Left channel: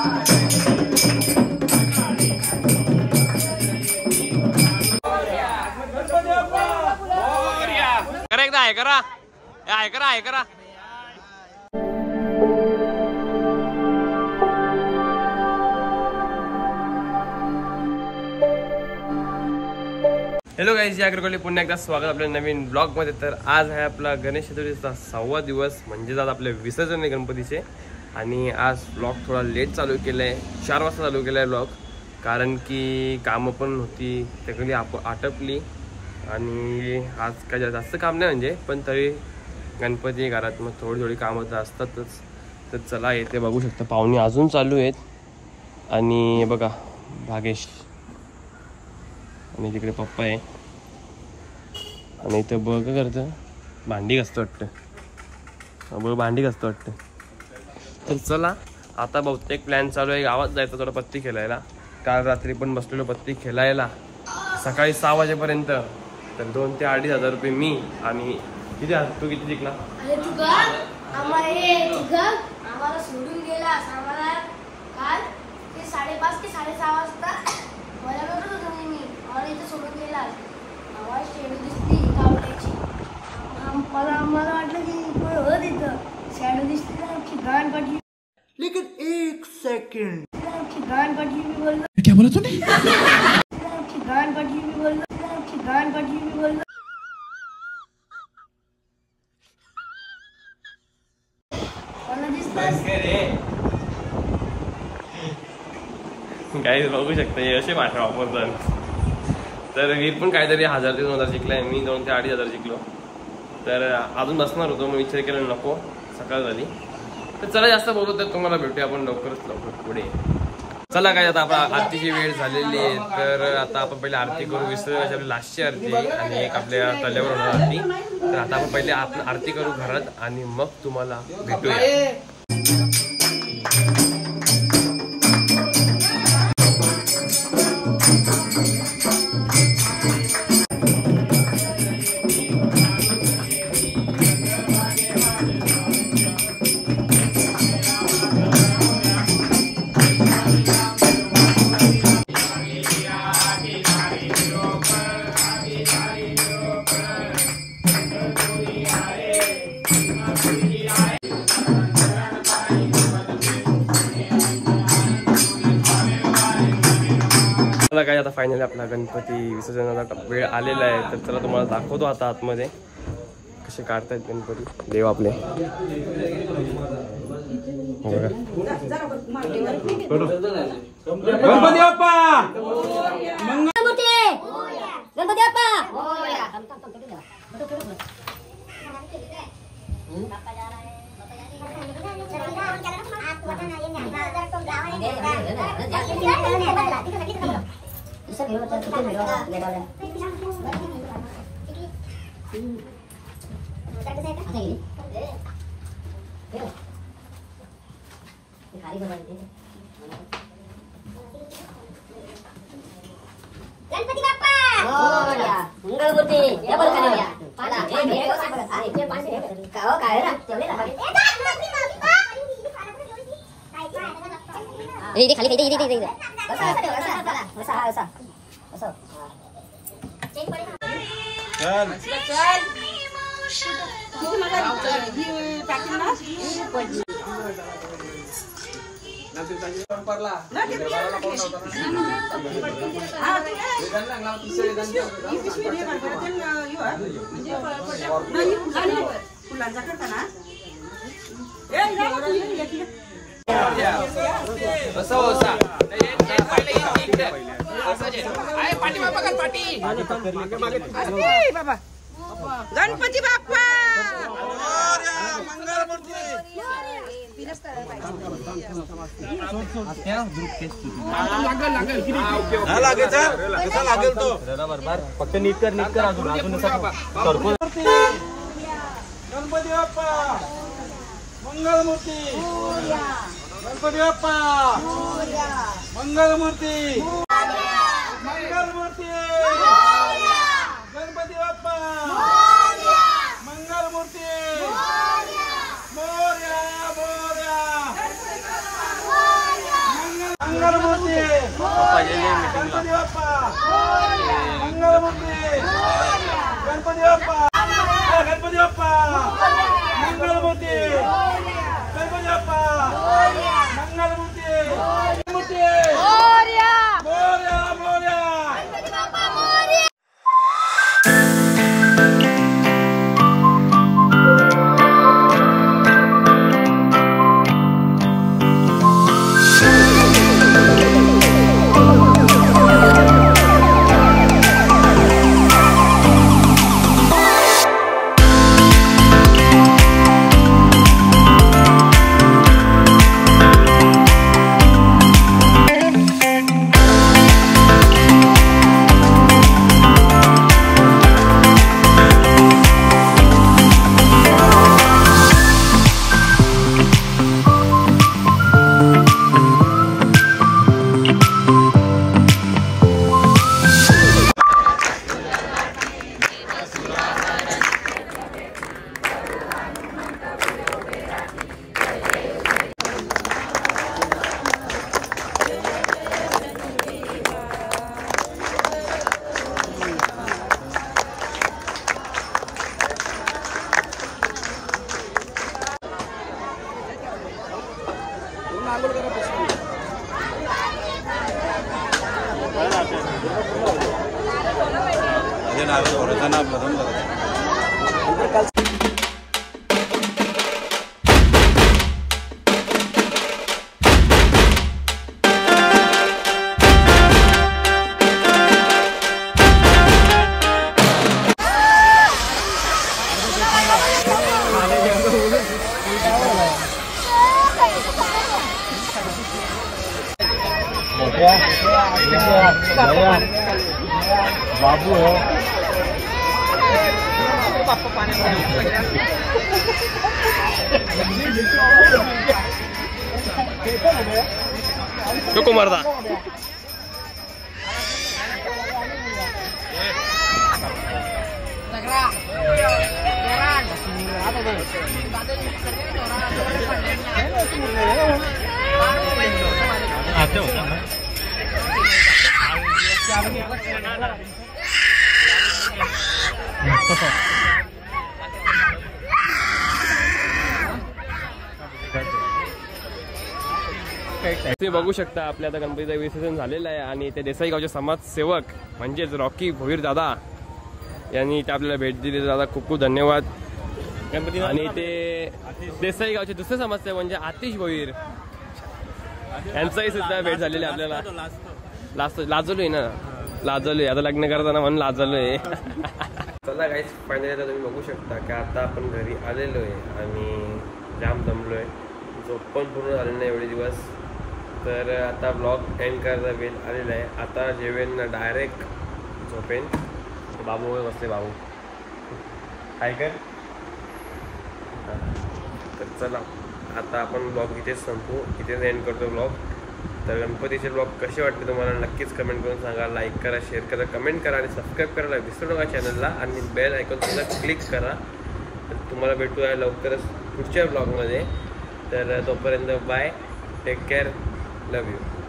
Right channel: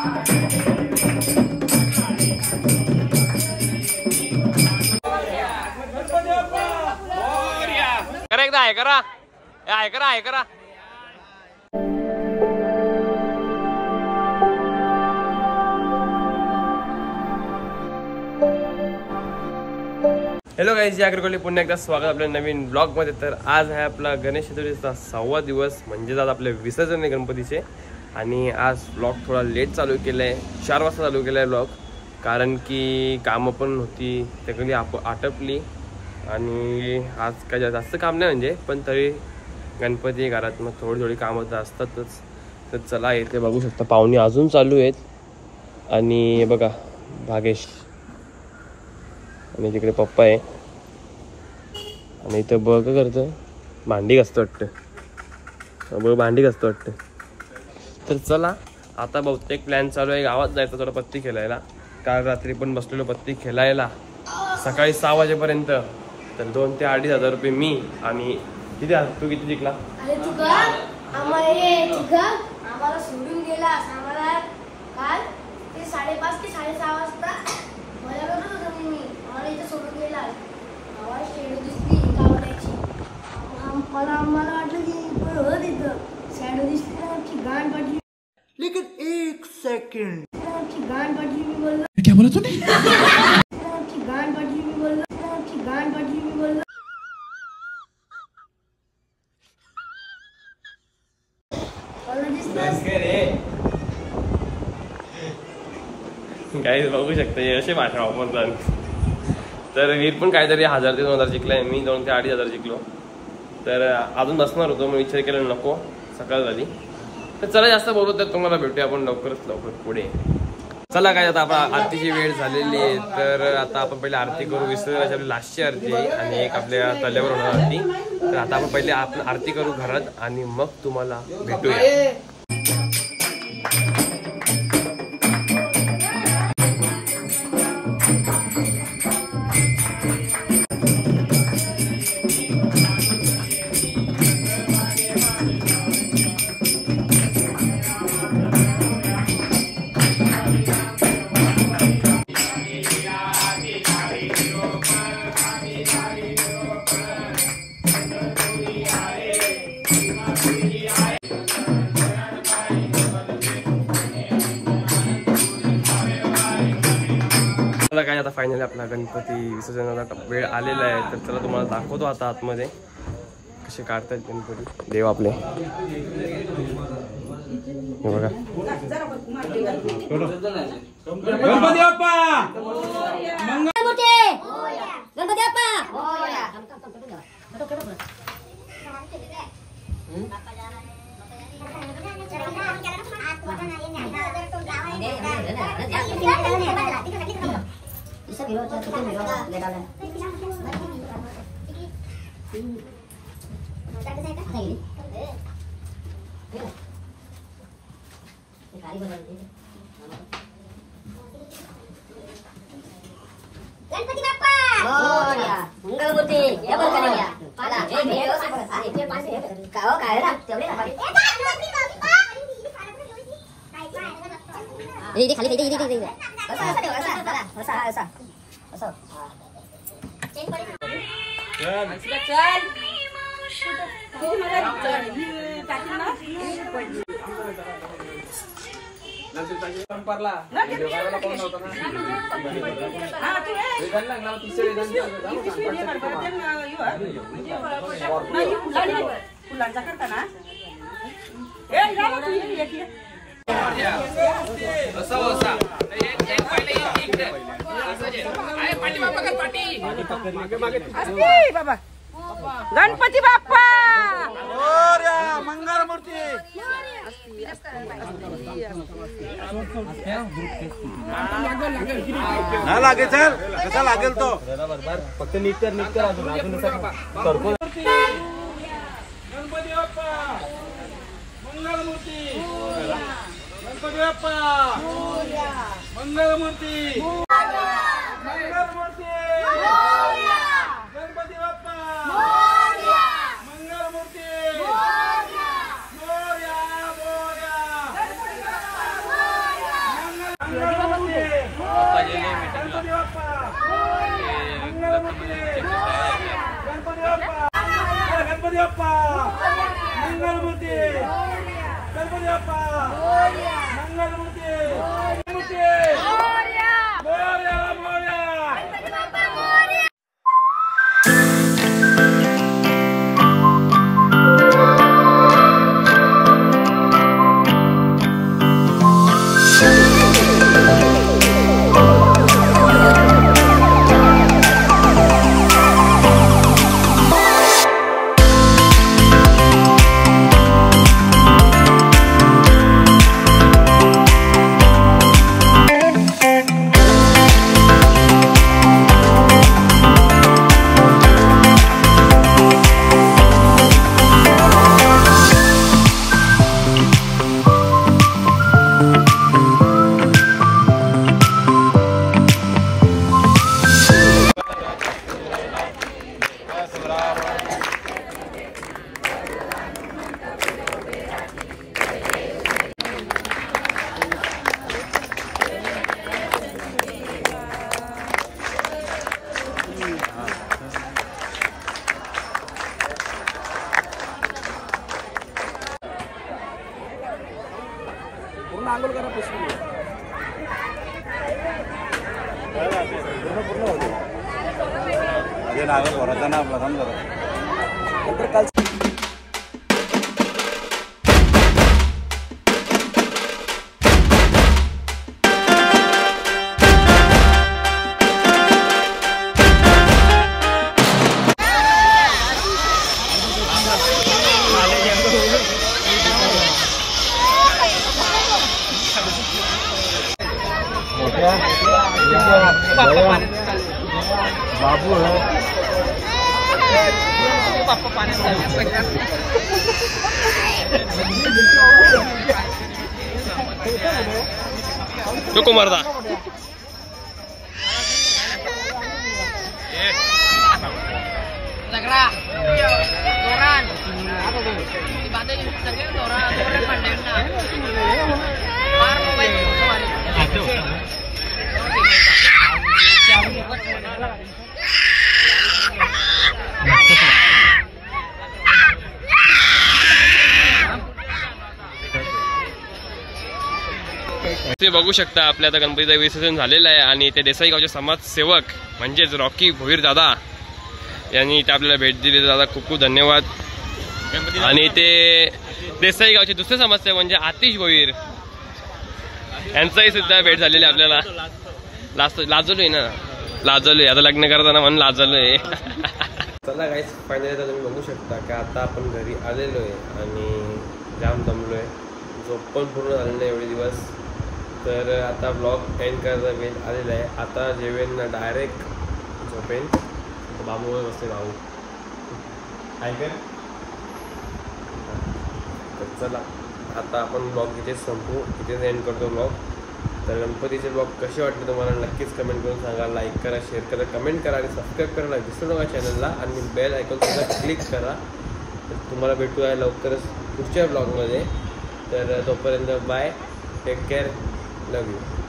करा एकदा आहे करा आहे करा आहे करा. हॅलो गाईज, या अग्रकोली पुन्हा एकदा स्वागत आपल्या नवीन ब्लॉग मध्ये. तर आज आहे आपला गणेश चतुर्थीचा 6वा दिवस, म्हणजे आज आपले विसर्जन आहे गणपतीचे. आणि आज ब्लॉग थोडा लेट चालू केलाय, 4 वाजता चालू केलाय ब्लॉग, कारण की कामं पण होती त्याकडे आटपली. आणि आज काय जास्त काम नाही म्हणजे, पण तरी गणपती घरात मग थोडी कामं तर असतातच. तर चला, येथे बघू शकता पाहुणे अजून चालू आहेत. आणि बघा भागेश आणि तिकडे पप्पा आहे. आणि इथं बघ करतं भांडी घासतं वाटतं, भांडी घासतं वाटतं. तर चला, आता बहुतेक प्लॅन चालू आहे गावात जायचं थोडा पत्ती खेळायला. काल रात्री पण बसलेलो पत्ती खेळायला सकाळी 6 वाजेपर्यंत. तर 2,000 ते 2,500 रुपये मी. आणि किती तू किती जिंकला? आम्हाला सोडून गेला. आम्हाला काल ते 5:30 ते 6:30 वाजता मला बघत होतो मी. आम्हाला इथे सोडून गेला. आवाज शेडू दिसली कावड्याची. आम्हाला वाटलं की हो तिथं शेडू दिसली, आमची गाण पडली. लेकिन 1 सेकंड, आमची गाण पडली. मी बोललो क्या बोला तूने? आमची गाण पडली. मी बोललो आमची गाण पडली. मी बोललो काही बघू शकता असे भाषा वापरतात. तर वीर पण काहीतरी 1,000 ते 2,000 जिंकलाय, मी 2,000 ते 2,500 जिंकलो. तर अजून बसणार होतो, मग विचार केला नको, सकाळ झाली. तर चला, जास्त बोलू तर तुम्हाला भेटूया आपण लवकर पुढे. चला काय, आता आपण आरतीची वेळ झालेली आहे. तर आता आपण पहिले आरती करू. विसर्जनाची आपली लास्टची आरती आहे आणि एक आपल्या तल्यावर होणार आरती. तर आता आपण पहिले आपण आरती करू घरात आणि मग तुम्हाला भेटूया. काय आता फायनली आपला गणपती विसर्जनाचा वेळ आलेला आहे. तर चला तुम्हाला दाखवतो आता आतमध्ये कसे काढतायत गणपती देव आपले. हे बघा, गणपती बाप्पा गणपती बाप्पा. इथे खाली इथे इथे इथे गणपती बाप्पा मंगलमूर्ती. फक्त नीट कर अजून गणपती बाप्पा मंगलमूर्ती. गणपती बाप्पा मंगलमूर्ती. गणपती बाप्पा मंगलमूर्ती. मोरया मोरया. मंगलमूर्ती गणपती बाप्पा गणपती बाप्पा मंगलमूर्ती गणपती बाप्पा मंगलमूर्ती मूर्ती मोरया मोरया बाबू है चुको मरदा तुम्ही बघू शकता आपल्या आता गणपतीचं विसर्जन झालेलं आहे आणि ते देसाई गावचे समाजसेवक म्हणजेच रॉकी भोईर दादा यांनी इथे आपल्याला भेट दिली. दादा खूप खूप धन्यवाद. आणि ते देसाई गावचे दुसरे समाजसेवक म्हणजे आतिश भोईर यांचाही सुद्धा भेट झालेली आपल्याला. लाजलोय ना लाजलोय आता लग्न करताना म्हणून लाजलोय. चला गाईस फायनली आता तुम्ही बघू शकता की आता आपण घरी आलेलो आहे आणि जाम दमलोय. झोप पण पूर्ण झाली नाही एवढे दिवस. तर आता ब्लॉग एंड करायचा वेळ आलेला आहे. आता जेवेन डायरेक्ट झोपेन. बाबू बसले बाबू ऐकर. तर चला आता आपण ब्लॉग इथेच संपू. इथेच एंड करतो ब्लॉग. तर गणपतीचे ब्लॉग कसे वाटले तुम्हाला नक्कीच कमेंट करून सांगा. लाईक करा, शेअर करा, कमेंट करा आणि सबस्क्राईब करायला विसरू नका चॅनलला. आणि बेल आयकॉन सुद्धा क्लिक करा. तर तुम्हाला भेटू आहे लवकरच पुढच्या ब्लॉगमध्ये. तर तोपर्यंत bye, take care, love you.